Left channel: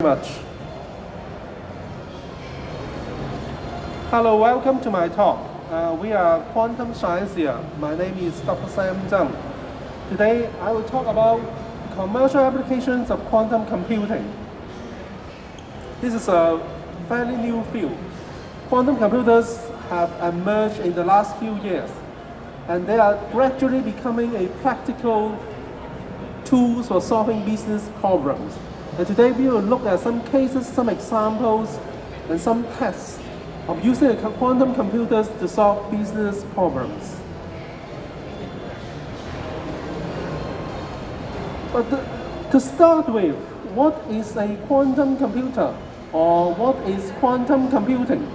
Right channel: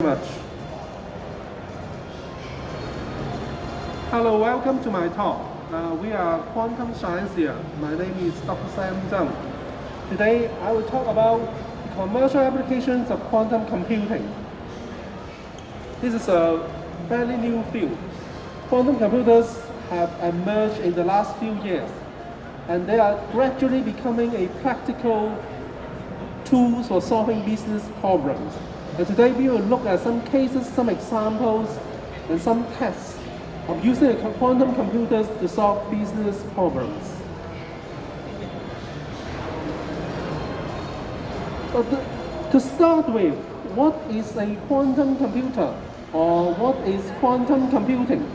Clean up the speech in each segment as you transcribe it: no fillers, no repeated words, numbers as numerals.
Much. Hello, welcome to my talk. We are quantum science here. My name is Dr. Tsang. Today, I will talk about commercial applications of quantum computing. This is a fairly new field. Quantum computers have emerged in the last few years, and they are gradually becoming a practical tool for solving business problems. And today we will look at some cases, some examples, and some tests of using quantum computers to solve business problems. But to start with, what is a quantum computer, or what is quantum computing?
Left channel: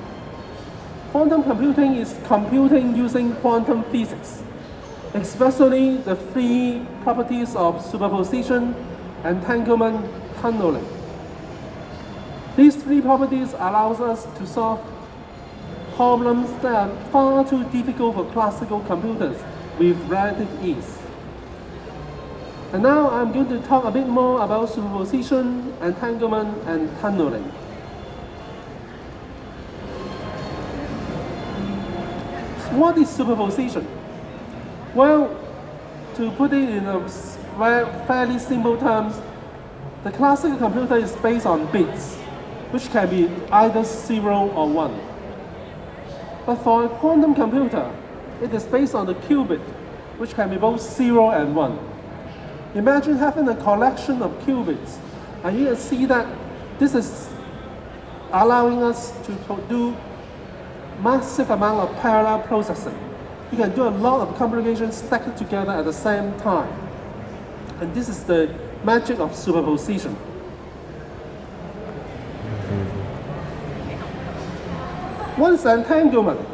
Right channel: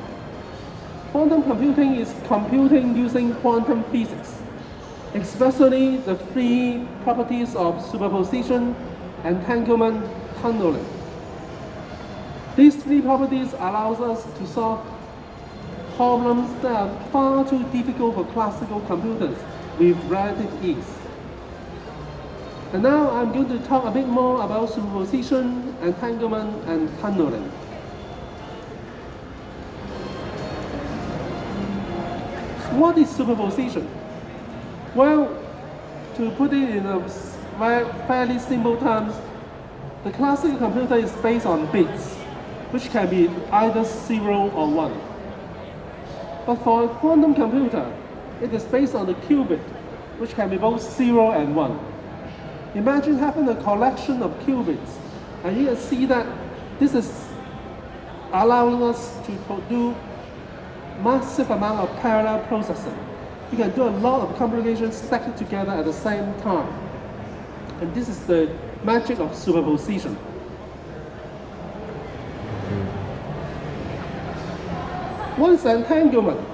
Quantum computing is computing using quantum physics, especially the three properties of superposition, entanglement, tunneling. These three properties allows us to solve problems that are far too difficult for classical computers with relative ease. And now I'm going to talk a bit more about superposition, entanglement, and tunneling. What is superposition? Well, to put it in a fairly simple terms, the classical computer is based on bits, which can be either 0 or 1. But for a quantum computer, it is based on the qubit, which can be both 0 and 1. Imagine having a collection of qubits, and you can see that this is allowing us to do massive amount of parallel processing. You can do a lot of computations stacked together at the same time. And this is the magic of superposition. What's entanglement?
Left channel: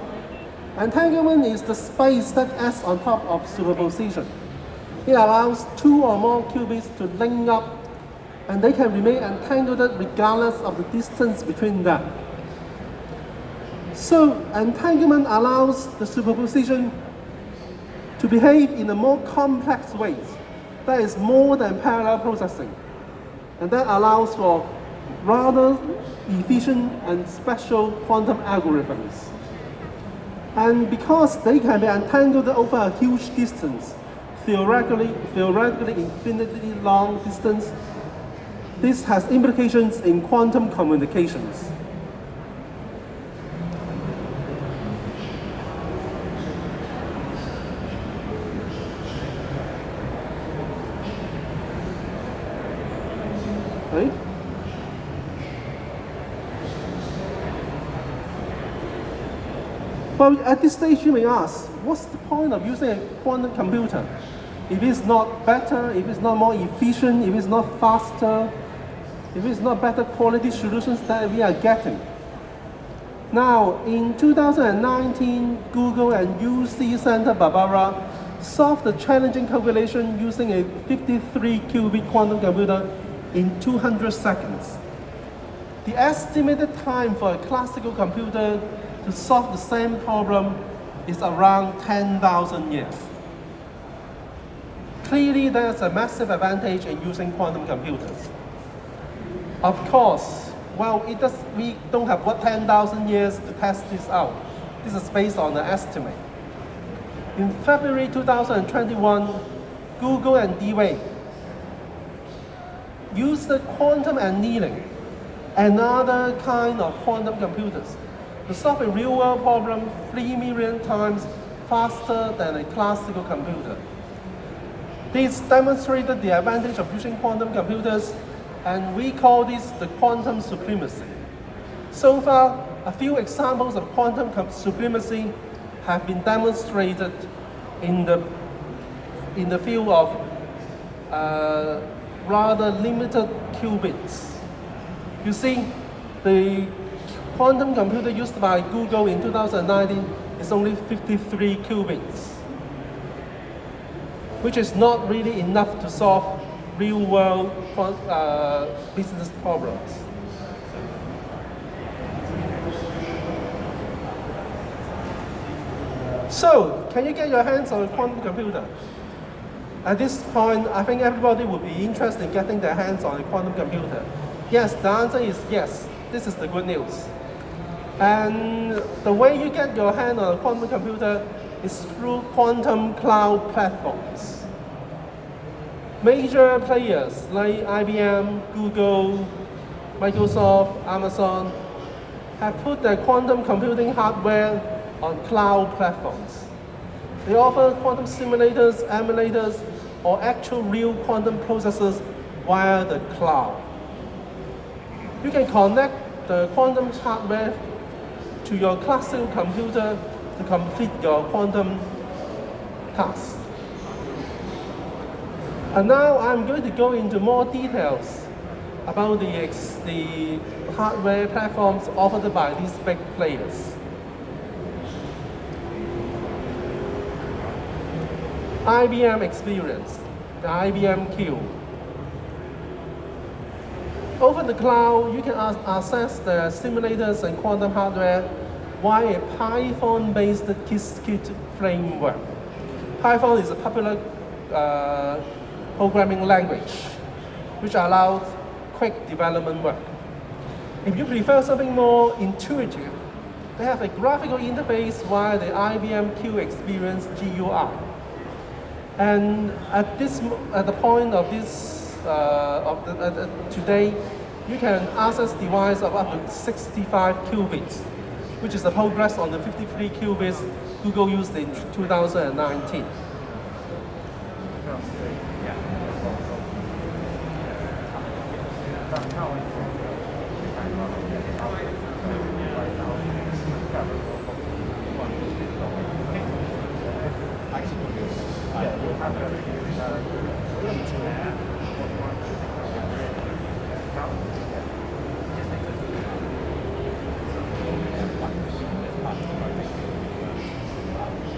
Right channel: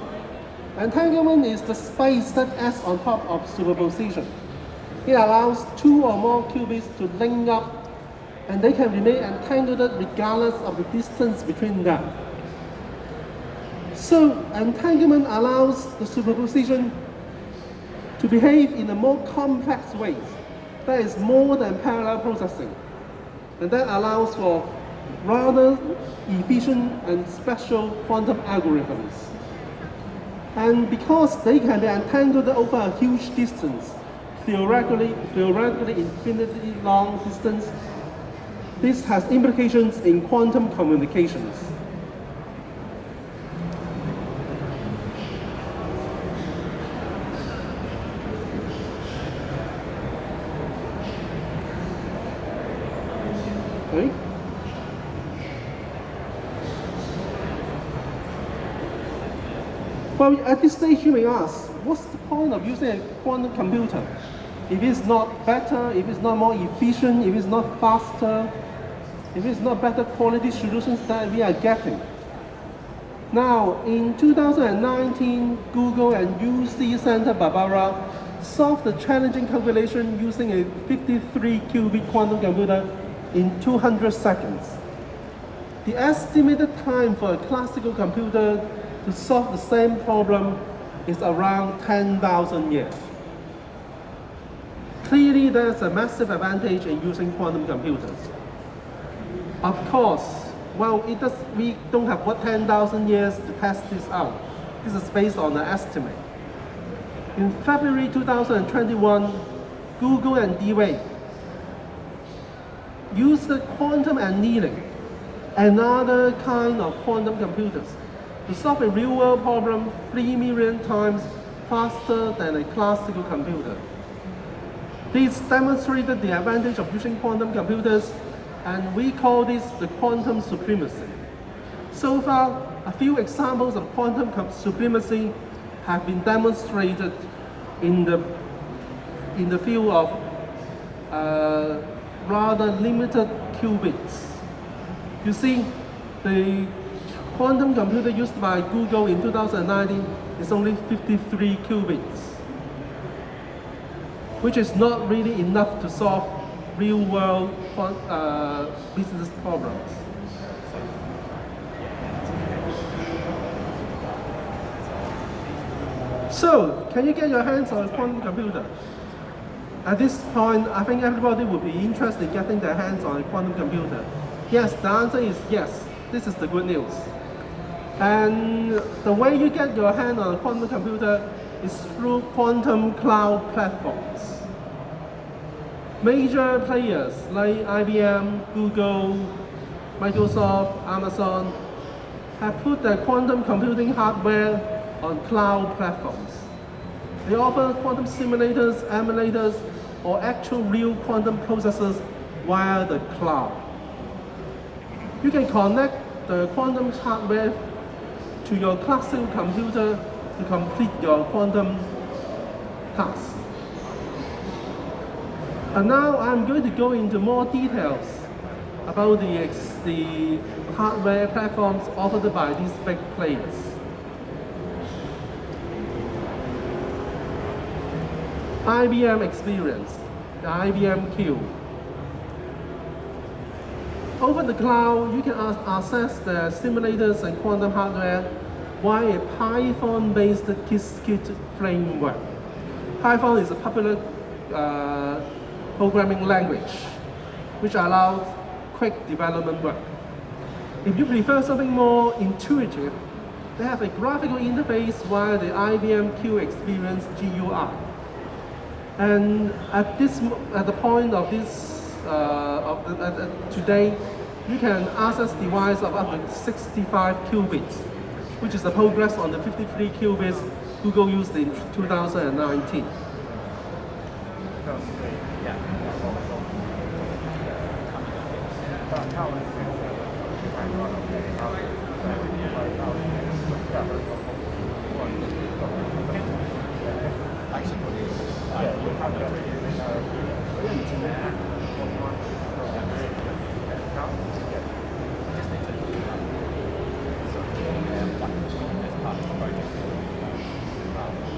Entanglement is the space that acts on top of superposition. It allows two or more qubits to link up, and they can remain entangled regardless of the distance between them. So entanglement allows the superposition to behave in a more complex way. That is more than parallel processing. And that allows for rather efficient and special quantum algorithms. And because they can be entangled over a huge distance, theoretically infinitely long distance, this has implications in quantum communications. Okay? Well, at this stage you may ask, what's the point of using a quantum computer? If it's not better, if it's not more efficient, if it's not faster, if it's not better quality solutions that we are getting. Now, in 2019, Google and UC Santa Barbara solved the challenging calculation using a 53-qubit quantum computer in 200 seconds. The estimated time for a classical computer to solve the same problem is around 10,000 years. Clearly, there's a massive advantage in using quantum computers. Of course, well, we don't have 10,000 years to test this out. This is based on an estimate. In February 2021, Google and D-Wave used the quantum annealing, another kind of quantum computers, to solve a real-world problem 3 million times faster than a classical computer. This demonstrated the advantage of using quantum computers, and we call this the quantum supremacy. So far, a few examples of quantum supremacy have been demonstrated in the field of rather limited qubits. You see, the quantum computer used by Google in 2019 is only 53 qubits, which is not really enough to solve real-world business problems. So, can you get your hands on a quantum computer? At this point, I think everybody would be interested in getting their hands on a quantum computer. Yes, the answer is yes. This is the good news. And the way you get your hand on a quantum computer is through quantum cloud platforms. Major players like IBM, Google, Microsoft, Amazon have put their quantum computing hardware on cloud platforms. They offer quantum simulators, emulators, or actual real quantum processors via the cloud. You can connect the quantum hardware to your classical computer to complete your quantum task. And now I'm going to go into more details about the hardware platforms offered by these big players. IBM experience, the IBM Q. Over the cloud, you can access the simulators and quantum hardware via a Python-based Qiskit framework. Python is a popular programming language which allows quick development work. If you prefer something more intuitive, they have a graphical interface via the IBM Q Experience GUI. And at the point of this today, you can access device of up to 65 qubits, which is the progress on the 53 qubits Google used in 2019.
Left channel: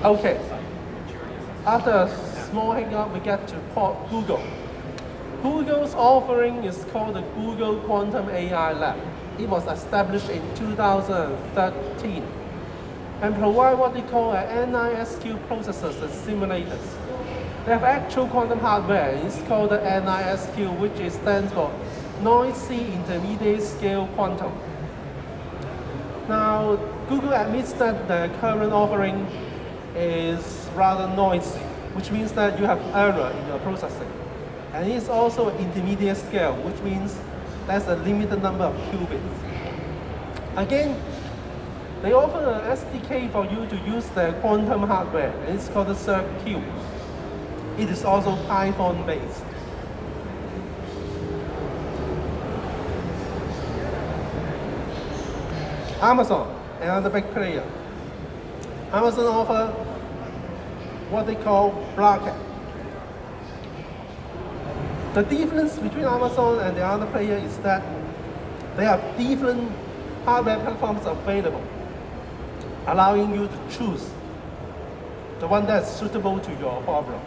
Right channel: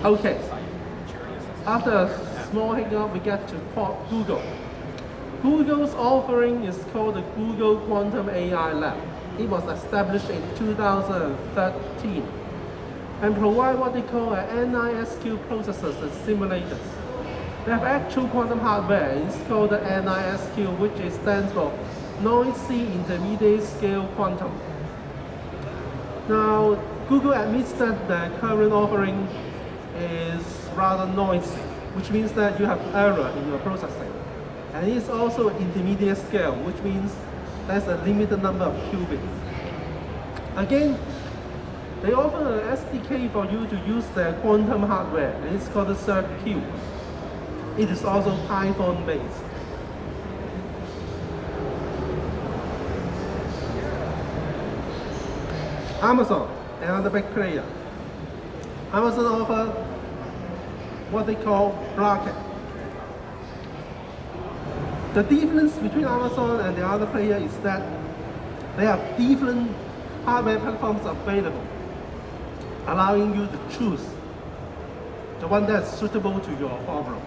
Okay, after a small hiccup, we get to Google. Google's offering is called the Google Quantum AI Lab. It was established in 2013 and provide what they call NISQ processors and simulators. They have actual quantum hardware. It's called the NISQ, which stands for Noisy Intermediate Scale Quantum. Now, Google admits that their current offering is rather noisy, which means that you have error in your processing. And it's also intermediate scale, which means there's a limited number of qubits. Again, they offer an SDK for you to use their quantum hardware, and it's called the Tsang. It is also Python based. Amazon, another big player. Amazon offers what they call bracket. The difference between Amazon and the other player is that they have different hardware platforms available, allowing you to choose the one that's suitable to your problem.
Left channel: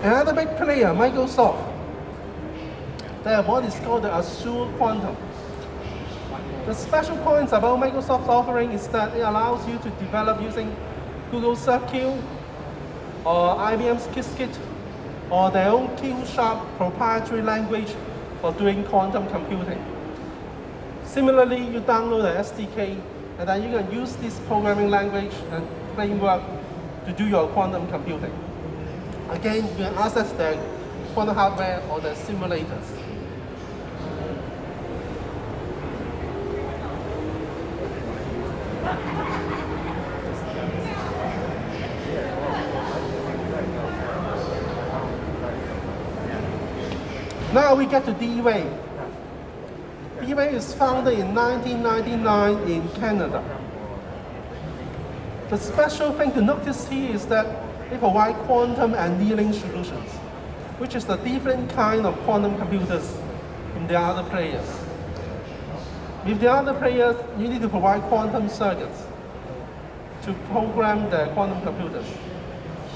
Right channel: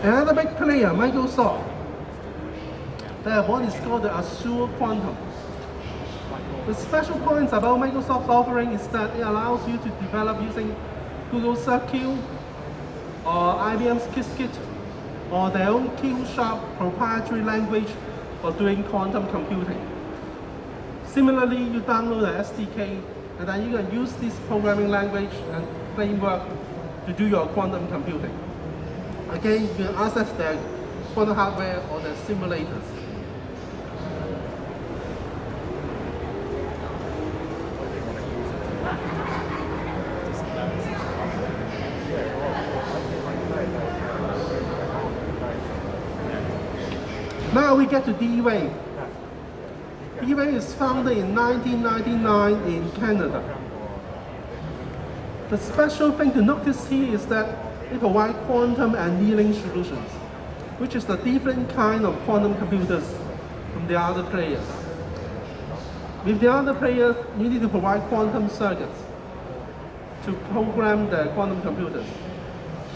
Another big player, Microsoft, they have what is called the Azure Quantum. The special points about Microsoft's offering is that it allows you to develop using Google Circuit or IBM's Qiskit or their own Q-Sharp proprietary language for doing quantum computing. Similarly, you download the SDK and then you can use this programming language and framework to do your quantum computing. Again, you can access the quantum hardware or the simulators. Now we get to D-Wave. D-Wave is founded in 1999 in Canada. The special thing to notice here is that they provide quantum annealing solutions, which is the different kind of quantum computers from the other players. With the other players, you need to provide quantum circuits to program the quantum computers.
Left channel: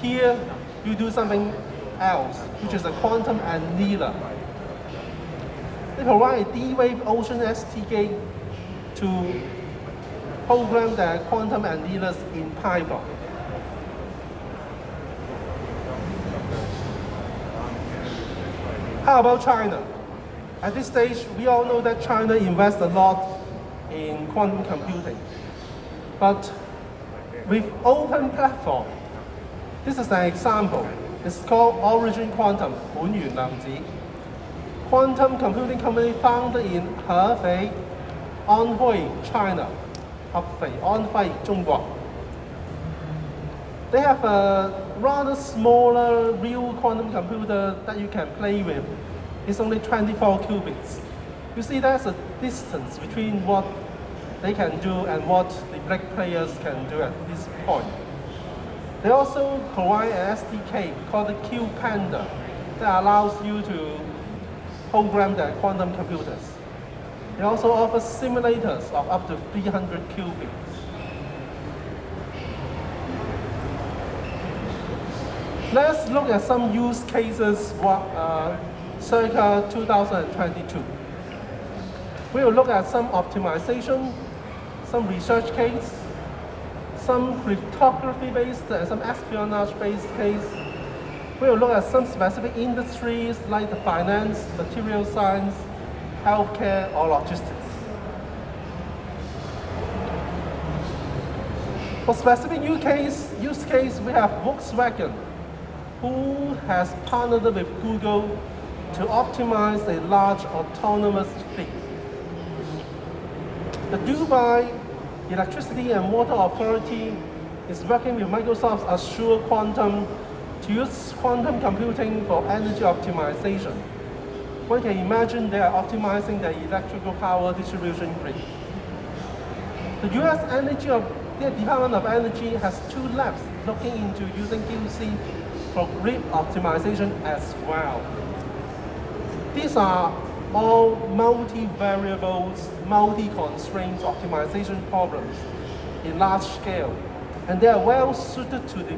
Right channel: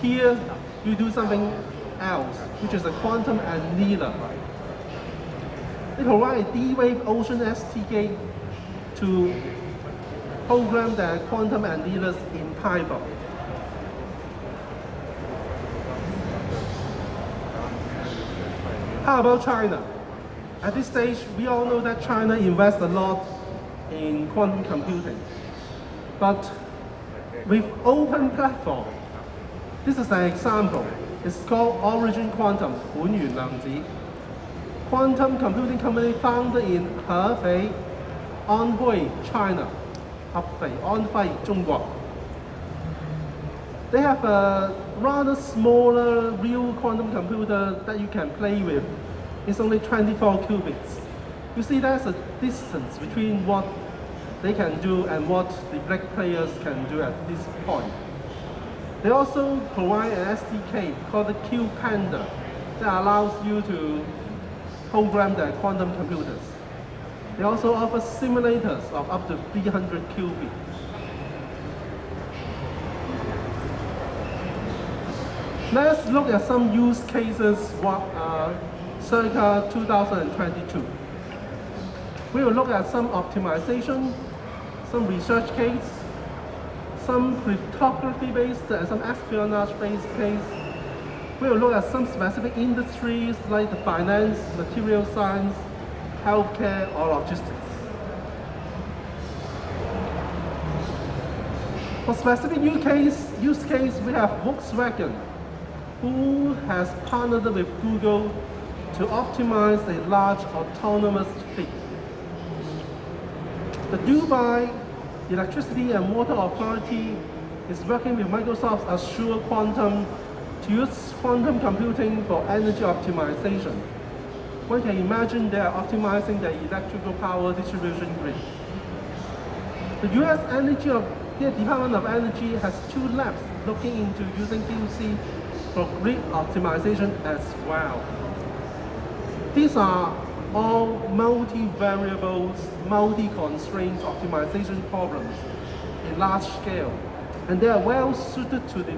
Here, you do something else, which is a quantum annealer. They provide a D-Wave Ocean STK to program the quantum annealers in Python. How about China? At this stage, we all know that China invests a lot in quantum computing. But with open platform, this is an example. It's called Origin Quantum, 本源量子 quantum computing company founded in Hefei, Anhui, China. Hefei, Anhui, 中國. They have a rather smaller real quantum computer that you can play with. It's only 24 qubits. You see there's a distance between what they can do and what the black players can do at this point. They also provide an SDK called the QPanda that allows you to program the quantum computers. They also offer simulators of up to 300 qubits. Let's look at some use cases circa 2022. We will look at some optimization, some research case, some cryptography-based and some espionage-based case. We will look at some specific industries like the finance, material science, healthcare, or logistics. For specific use case, we have Volkswagen, who has partnered with Google to optimize a large autonomous fleet. The Dubai Electricity and Water Authority is working with Microsoft's Azure Quantum to use quantum computing for energy optimization. One can imagine they are optimizing the electrical power distribution grid. The US Department of Energy has 2 labs looking into using QC for grid optimization as well. These are all multi-variables, multi-constraints optimization problems in large scale, and they are well suited to the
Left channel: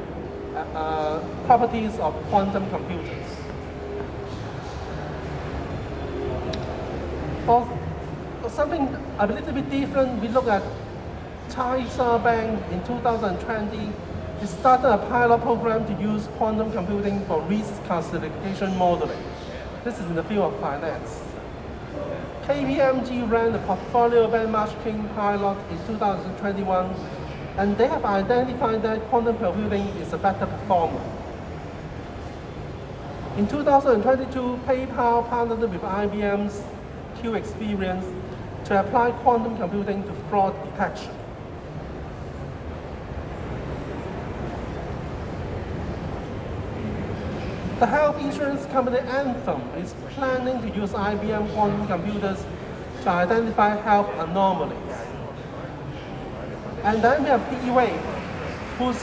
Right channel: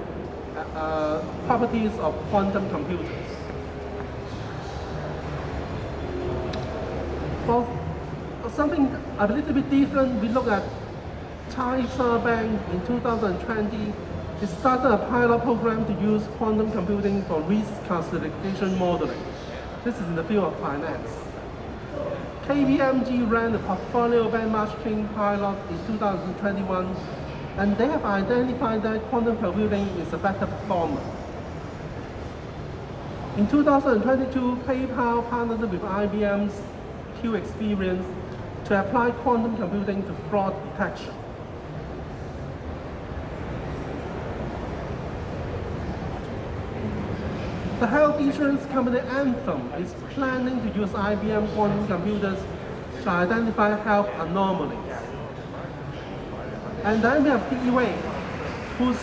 properties of quantum computers. For something a little bit different, we look at China Bank in 2020. It started a pilot program to use quantum computing for risk classification modeling. This is in the field of finance. KPMG ran the portfolio benchmarking pilot in 2021, and they have identified that quantum computing is a better performer. In 2022, PayPal partnered with IBM's Q-Experience to apply quantum computing to fraud detection. The health insurance company Anthem is planning to use IBM quantum computers to identify health anomalies. And then we have D-Wave, whose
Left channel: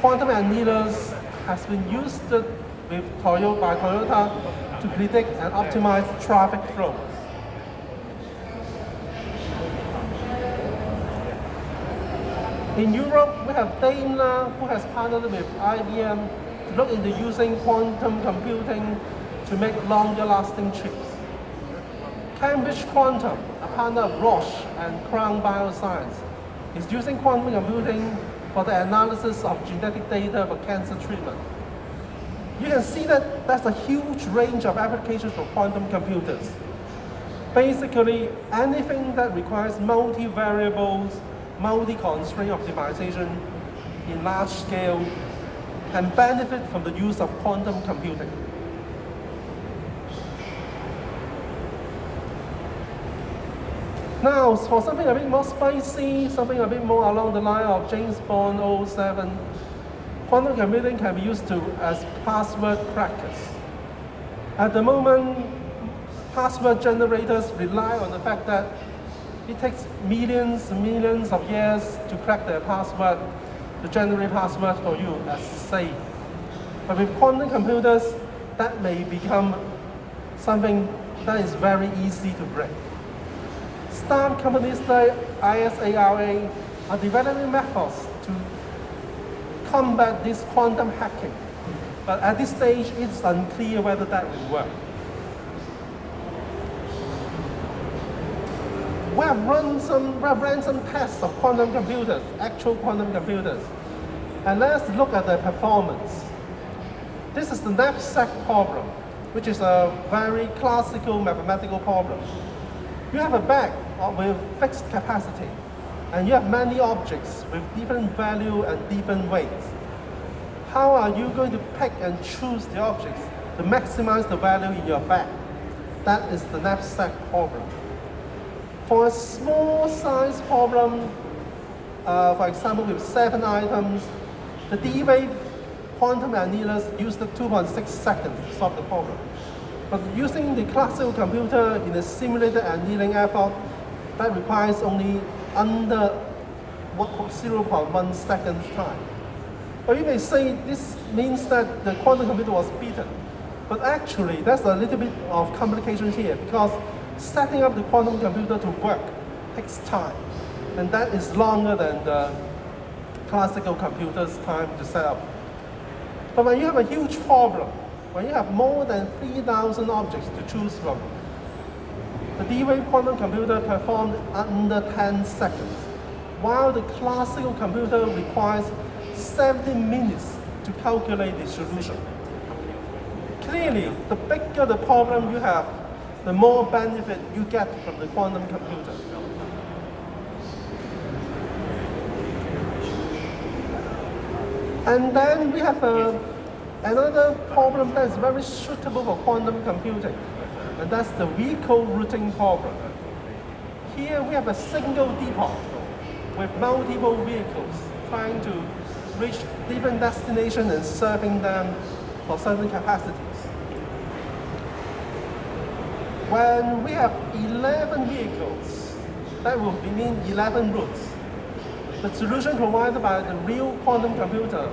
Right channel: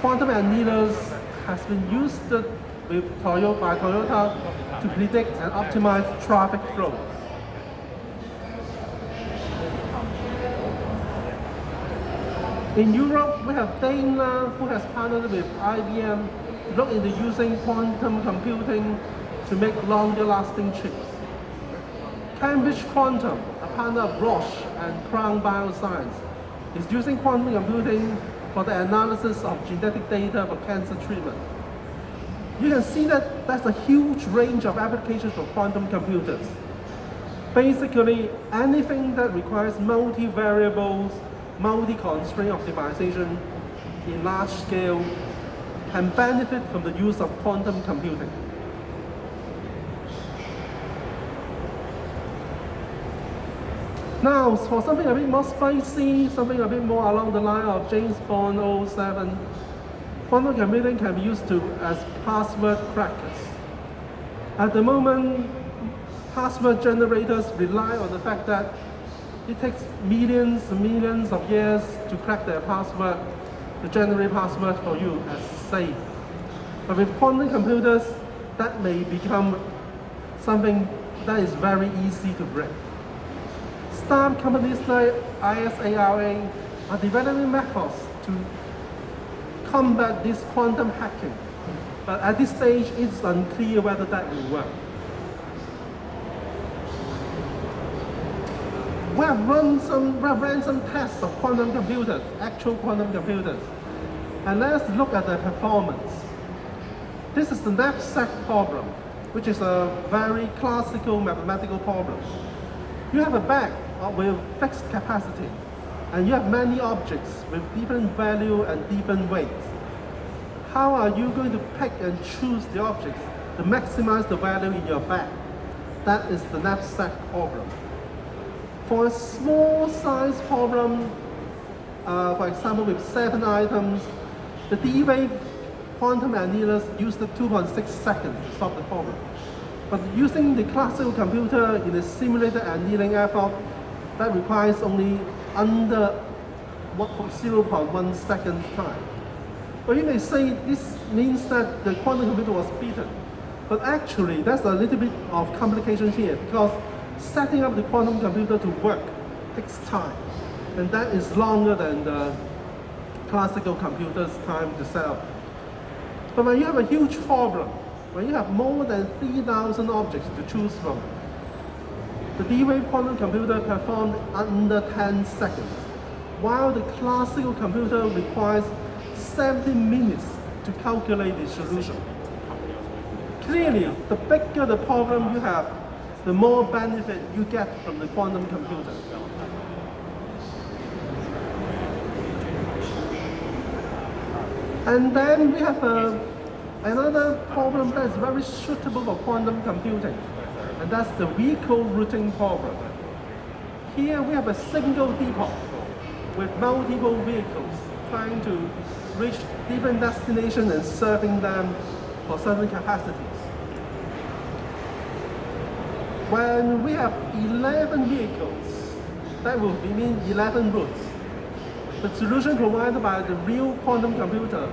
quantum annealers has been used by Toyota to predict and optimize traffic flows. In Europe, we have Daimler, who has partnered with IBM to look into using quantum computing to make longer-lasting chips. Cambridge Quantum, a partner of Roche and Crown Bioscience, is using quantum computing for the analysis of genetic data for cancer treatment. You can see that there's a huge range of applications for quantum computers. Basically, anything that requires multi-variables, multi-constraint optimization in large scale can benefit from the use of quantum computing. Now, for something a bit more spicy, something a bit more along the line of James Bond 07, quantum computing can be used as password crackers. At the moment, password generators rely on the fact that it takes millions and millions of years to crack their password, to generate password for you as safe. But with quantum computers, that may become something that is very easy to break. Startup companies like ISARA are developing methods to combat this quantum hacking. But at this stage, it's unclear whether that will work. We have ran some tests of quantum computers, actual quantum computers. And let's look at their performance. This is the knapsack problem, which is a very classical mathematical problem. You have a bag with fixed capacity, and you have many objects with different value and different weights. How are you going to pick and choose the objects to maximize the value in your bag? That is the knapsack problem. For a small size problem, for example with 7 items, the D-wave quantum annealers used 2.6 seconds to solve the problem. But using the classical computer in a simulated annealing effort, that requires only under 0.1 second time. Or you may say this means that the quantum computer was beaten. But actually, there's a little bit of complications here because setting up the quantum computer to work takes time. And that is longer than the classical computer's time to set up. But when you have a huge problem, when you have more than 3,000 objects to choose from, the D-wave quantum computer performed under 10 seconds, while the classical computer requires 70 minutes to calculate the solution. Clearly, the bigger the problem you have, the more benefit you get from the quantum computer. And then we have another problem that is very suitable for quantum computing, and that's the vehicle routing problem. Here we have a single depot with multiple vehicles trying to reach different destinations and serving them for certain capacities. When we have 11 vehicles, that will mean 11 routes. The solution provided by the real quantum computer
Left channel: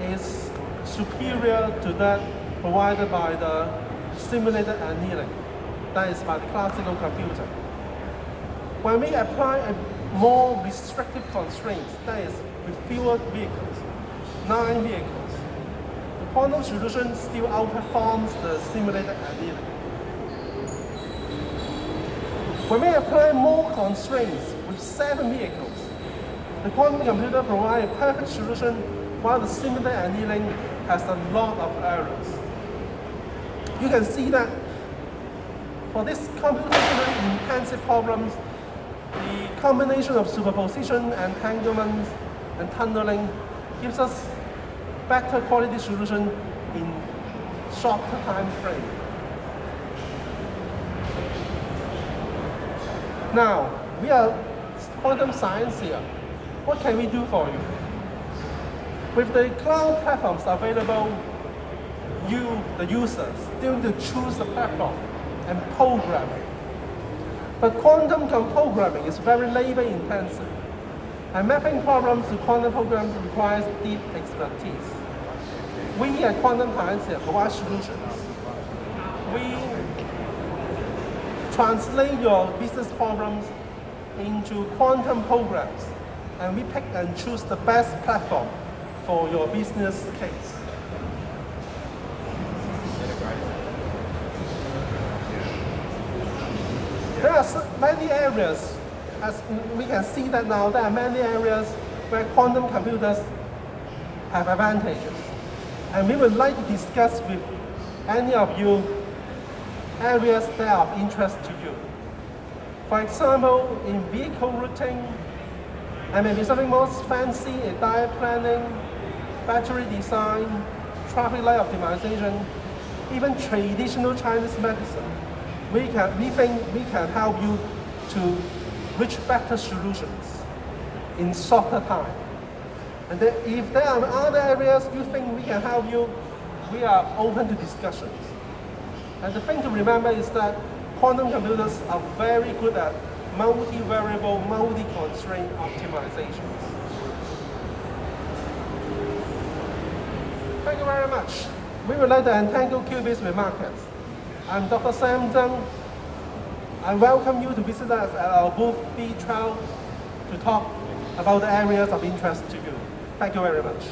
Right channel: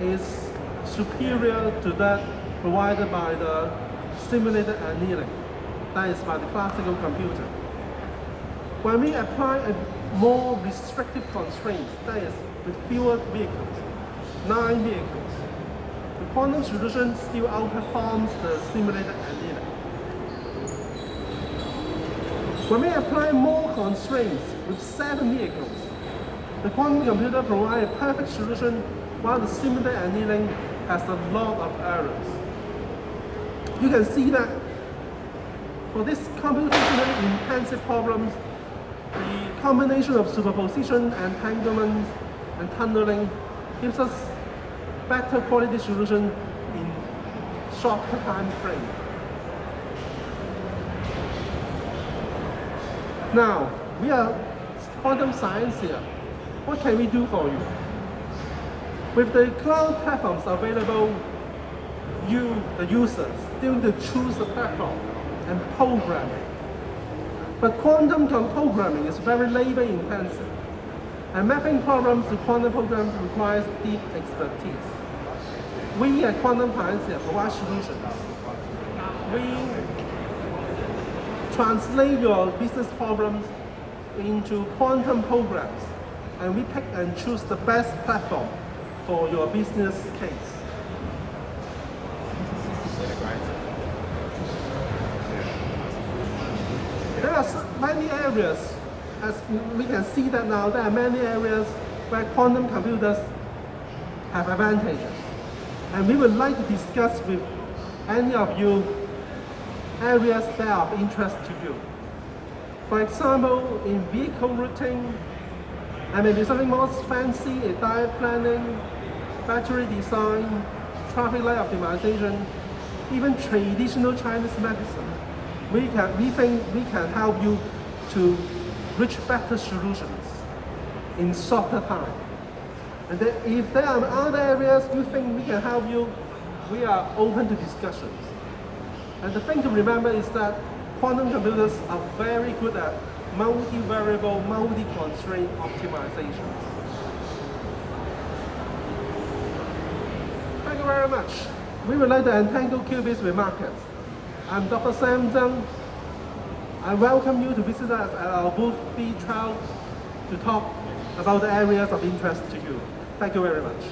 is superior to that provided by the simulated annealing, that is by the classical computer. When we apply a more restrictive constraint, that is with fewer vehicles, 9 vehicles, the quantum solution still outperforms the simulated annealing. When we apply more constraints with 7 vehicles, the quantum computer provides a perfect solution while the simulated annealing has a lot of errors. You can see that for this computationally intensive problems, the combination of superposition, entanglement, and tunneling gives us better quality solution in shorter time frame. Now, we are quantum science here. What can we do for you? With the cloud platforms available, you, the users, still need to choose a platform and program. But quantum programming is very labor intensive, and mapping problems to quantum programs requires deep expertise. We at Quantum Science provide solutions. We translate your business problems into quantum programs, and we pick and choose the best platform for your business case. There are many areas, as we can see that now, there are many areas where quantum computers have advantages. And we would like to discuss with any of you areas that are of interest to you. For example, in vehicle routing, and maybe something more fancy, diet planning, battery design, traffic light optimization, even traditional Chinese medicine, we think we can help you to reach better solutions in shorter time. And then if there are other areas you think we can help you, we are open to discussions. And the thing to remember is that quantum computers are very good at multi-variable, multi-constraint optimizations. Thank you very much. We would like to entangle qubits with markers. I'm Dr. Tsang. I welcome you to visit us at our booth B12 to talk about the areas of interest to you. Thank you very much.